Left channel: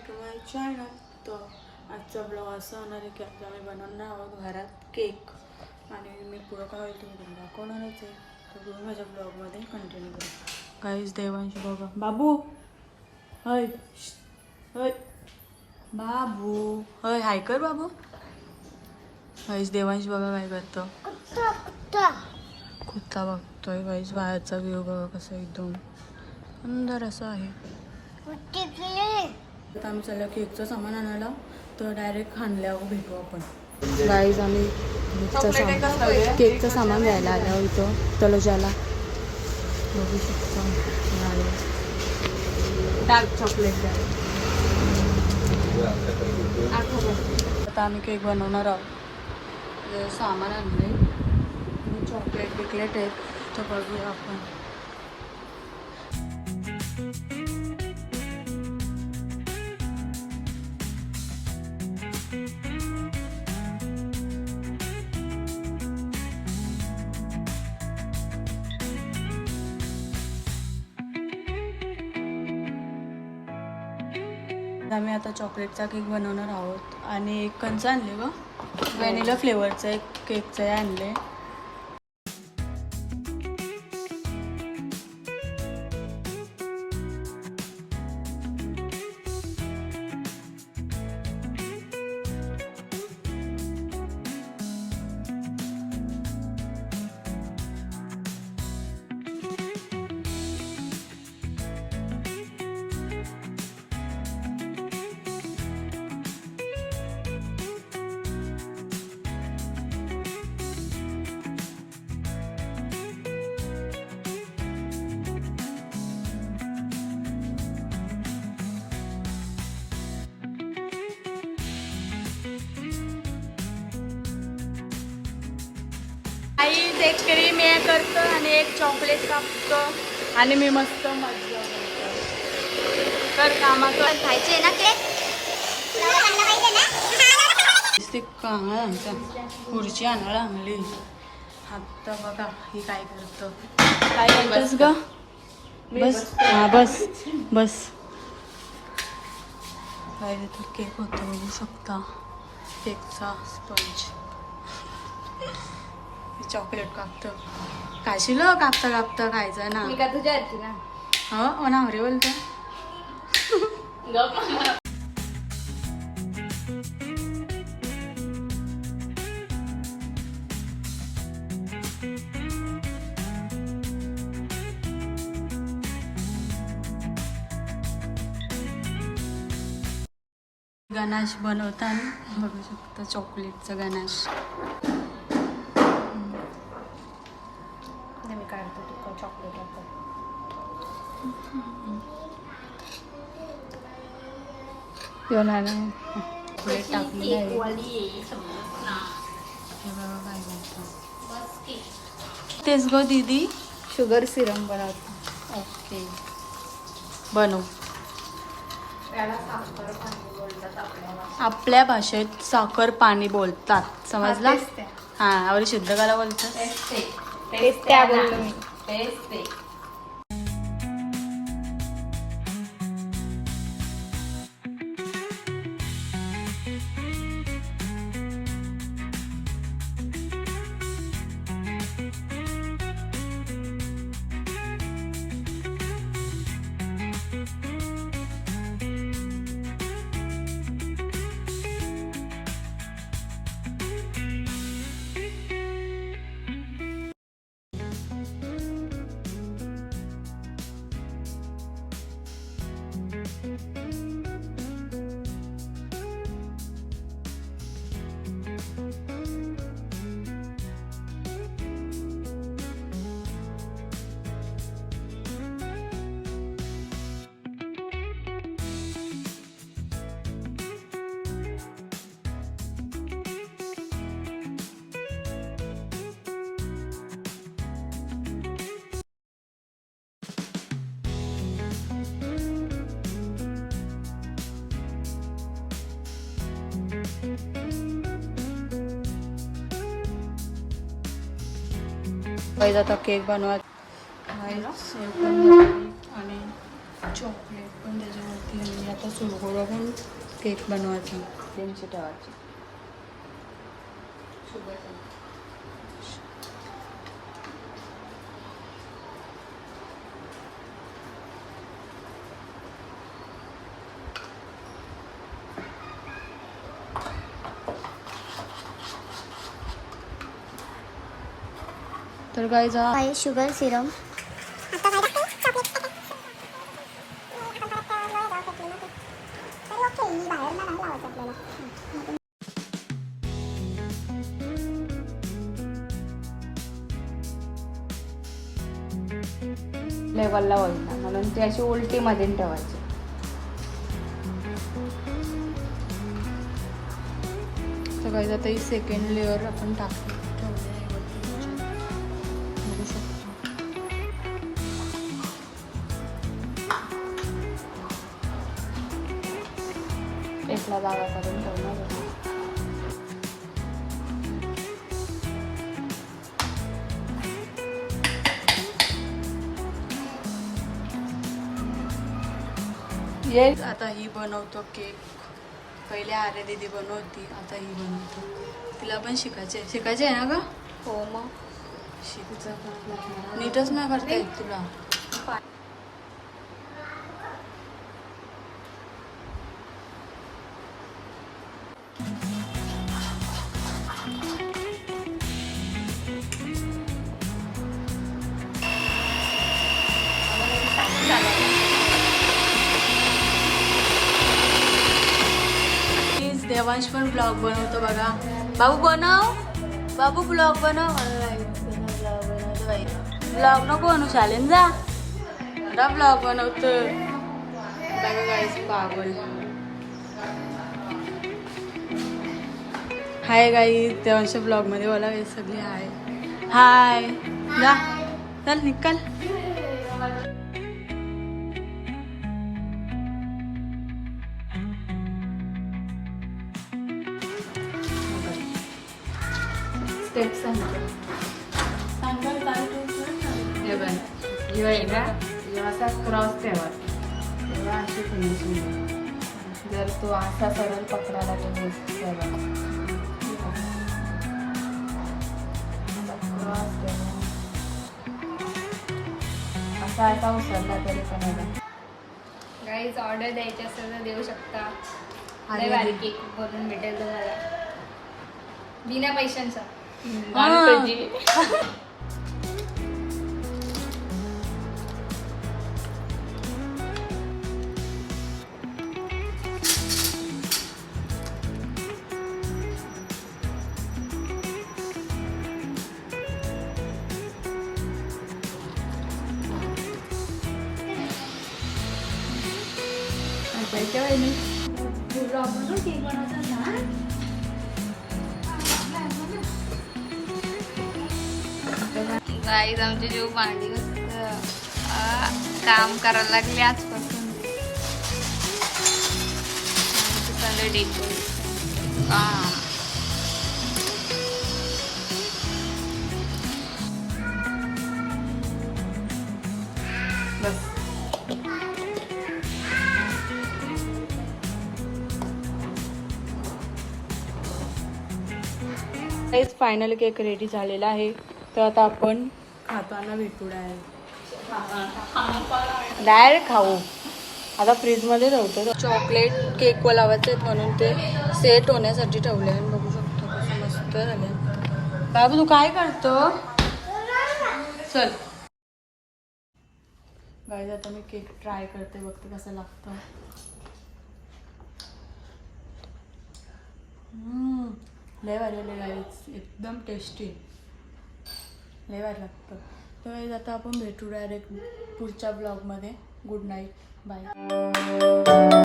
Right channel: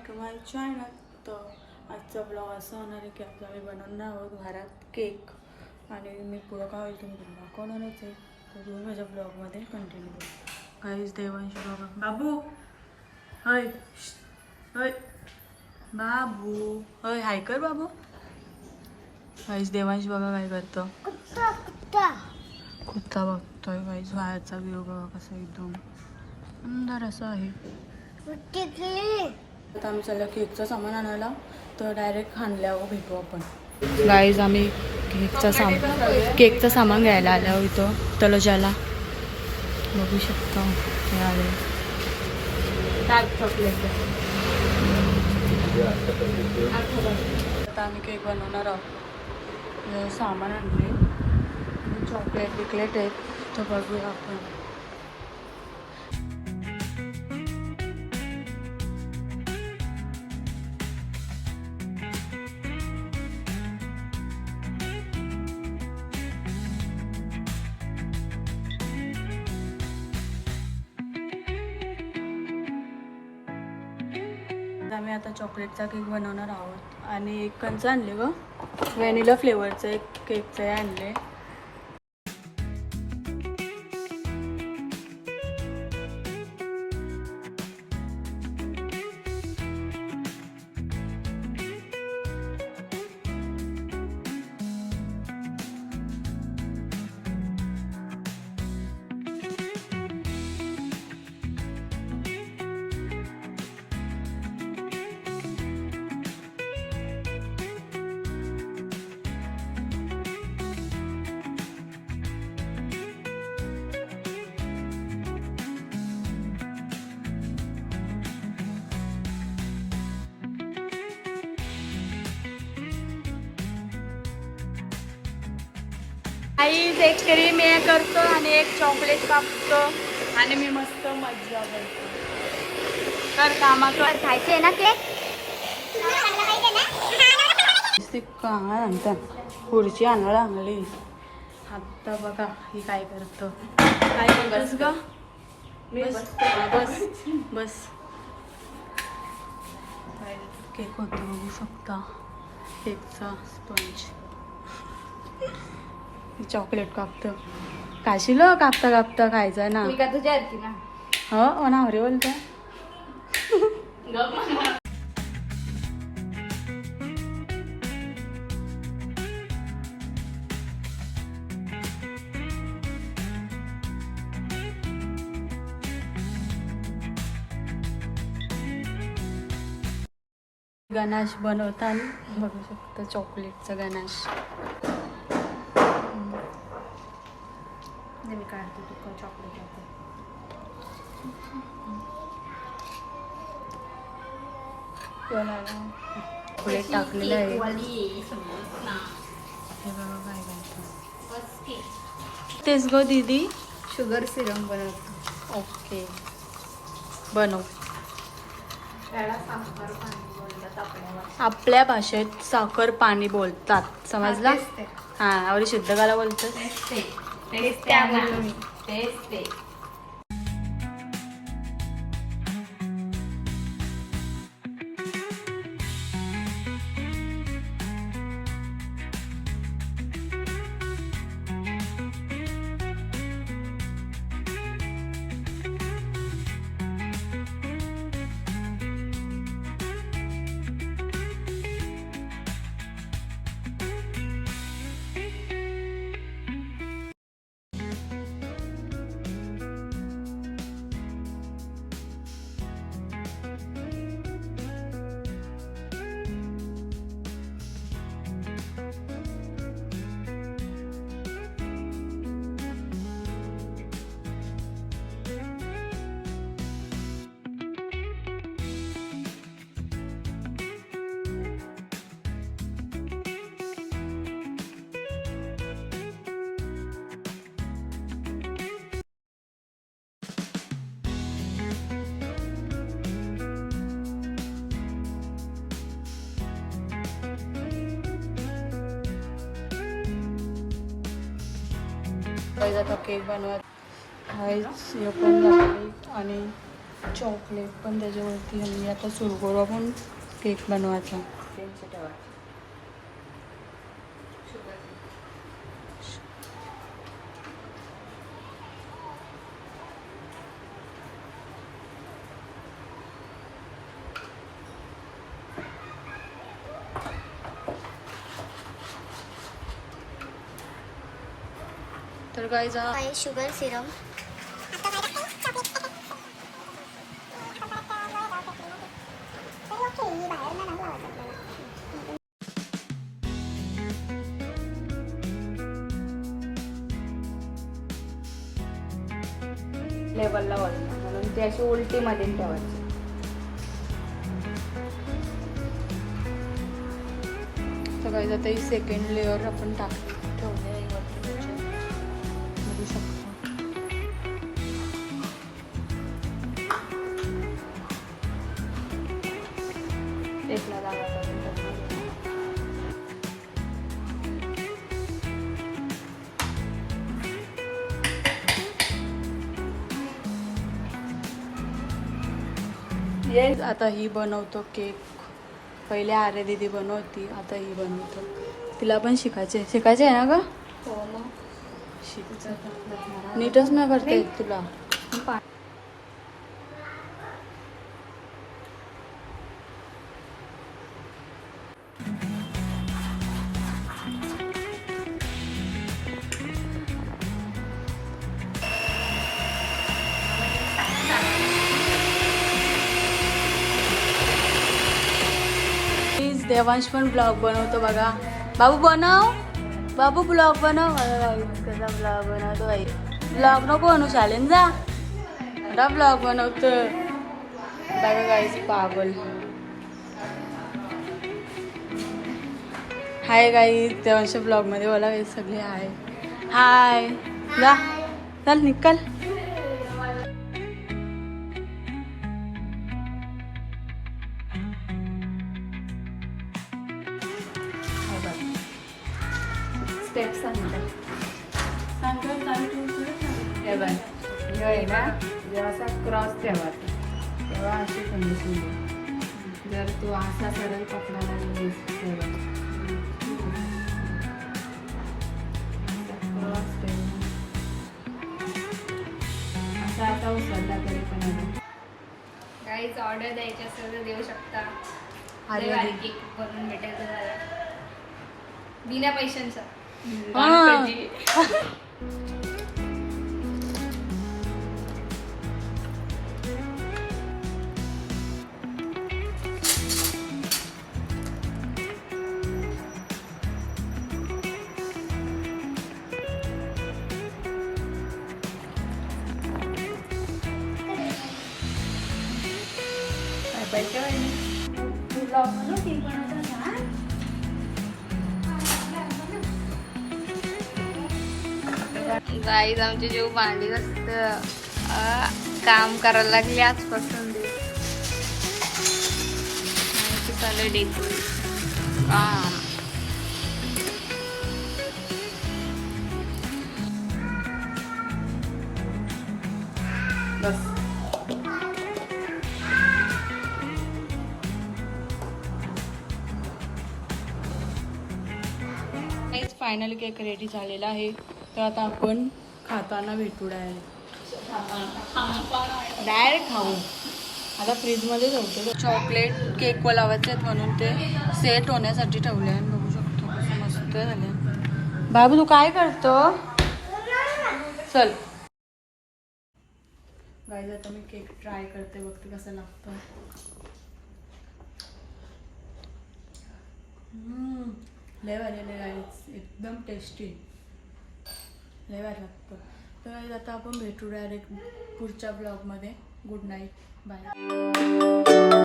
Back to my channel. तर आजचा blog असा होणार आहे की आज आम्ही बनवणार आहोत घरात केक आणि मी पुढं काय होईल तुम्ही तुम्ही दाखवणारच आहे. तर तुम्ही माझ्या ब्लॉगमध्ये कंटिन्यू करा. काहीच देवांशी बघा बाबू हय हय बाबू हय हाय कर बाबू. काहीच देवांश बघा काय करतो कुत्ता बघतोय. काहीच बाहेरचा व्ह्यू बघा कसा एकदम सुंदर असं आहे. आता आम्ही चाललो केकचं सामान आणायला तर डायरेक्ट खांडल्यावर भेटू आपण. गाईज आम्ही केकचं सामान घ्यायला आलो इथं तलोजाला. बघू शकता डार्क चॉकलेट. आता आम्ही केक बनवणार आहोत. सामान आणले चॉकलेट बिकलेट आहेत तर बघूया आपण. आम्ही आता चॉकलेटचा केक बनवणार आहोत आणि एक कंच आणले ग व्हॅनिला फ्लेवरचं एक केकचं हे आणले. एक क्रीम हे करतो आणि एक चॉकलेट कापतो आणि मी मस्त मज्जा करतो. कर कामा कर खायचे ना केक. सांगता खुर्ची आणायला आणली. आता बघा ही काय करतो. काय म्हणतोस ग बस हा बस बस. काय केक होतो बघू शकता केकचा स्पंज. चॉकलेट कापतं काशील कापता कापता खायचं ना. हो ना हरे बोलत. गणाश बनवताना बघू शकता चॉकलेटचा गणाश. मी काढते तुका चॉकलेट आता. चॉकलेट टाकलेलं आहे. हे बघा काय करतो तेच गो दीदी शुगर सिरम बनवतो. ओके बनव. आपल्या भाषेत साखर पाणी बोलतात समजला. हा आवडी शुद्ध काला बोलतात. आता केक बनवत काहीच पण झाली आणि चॉकलेट पण त्याच्यावरती आणि आता सुरू करू आपण केक बनवायचा. प्रिन्स ठेवायची. तर काय जा शुगर सिरम लेवलला होत म्हणून ती अशी उलटी मध्ये ठेवायची. तर काय जाता ही सेकंड लेअर आपण टाकली ठेवले आहे वरती बघू शकतो. टेपला लावायचं पण ठेवणार. ये आता ही बनवतो केक. पहिले आर्य दीदी बनवती, आता ही बनवतो. तिला पण शिकायचे आहे ना ग? हो मग शिकायचं नीटच नाही करता येत तुला. देवांश पण ब्लॉग बनवतो बघा. बाबू बनव, बाबू ब्लॉग बनव. कसा ब्लॉग बनवतो बाई. ब्लॉग नको बनवू चालेल जा. आता ब्लॉग बनवतो बघा गाईस पागल. हाय गाईस देवांश ब्लॉग मध्ये बोला सगळे हाय हाय. जा चल निकल. स्टेप सांगतो. हे बघ हे आहे ना, जेव्हा असा क्रॉस ठेवायचा तेव्हा अशी फिनिशिंग. जर तू असा सरळ पकडायला गेलीस तेव्हा क्रॉस ठेवून असा असा उचलला तरी पण आहे. गाईज ऑर्डर द्यायची असेल तर देऊ शकता. अरे लय केक बनवून भेटायचं झाला बिना पैशांचा. बाईच्या वाईनी गाईज आमची जीव भांडी मस्त काम करायला लागली आजपासून. चालू डेकोरेशन काम. बस फायनल केक रेडी झालेला आहे. तर आता आपण खाताना भेटू डायरेक्ट खाऊ. आता फ्रीजमध्ये ठेवतो. चॉकलेट केक लावायचे आहेत म्हणून ते सेट होण्यासाठी ठेवले आणि बघू शकतो कसं मस्त झाले. बाबू तू काय करतो चल. गाईज आता मी केक ट्राय करते बघते कसं लागतं. लय भारी एकदम टेस्टी लय भारी लागतं. तर आता आपण भेटू डायरेक्ट पुढच्या ब्लॉगमध्ये. Good night bye.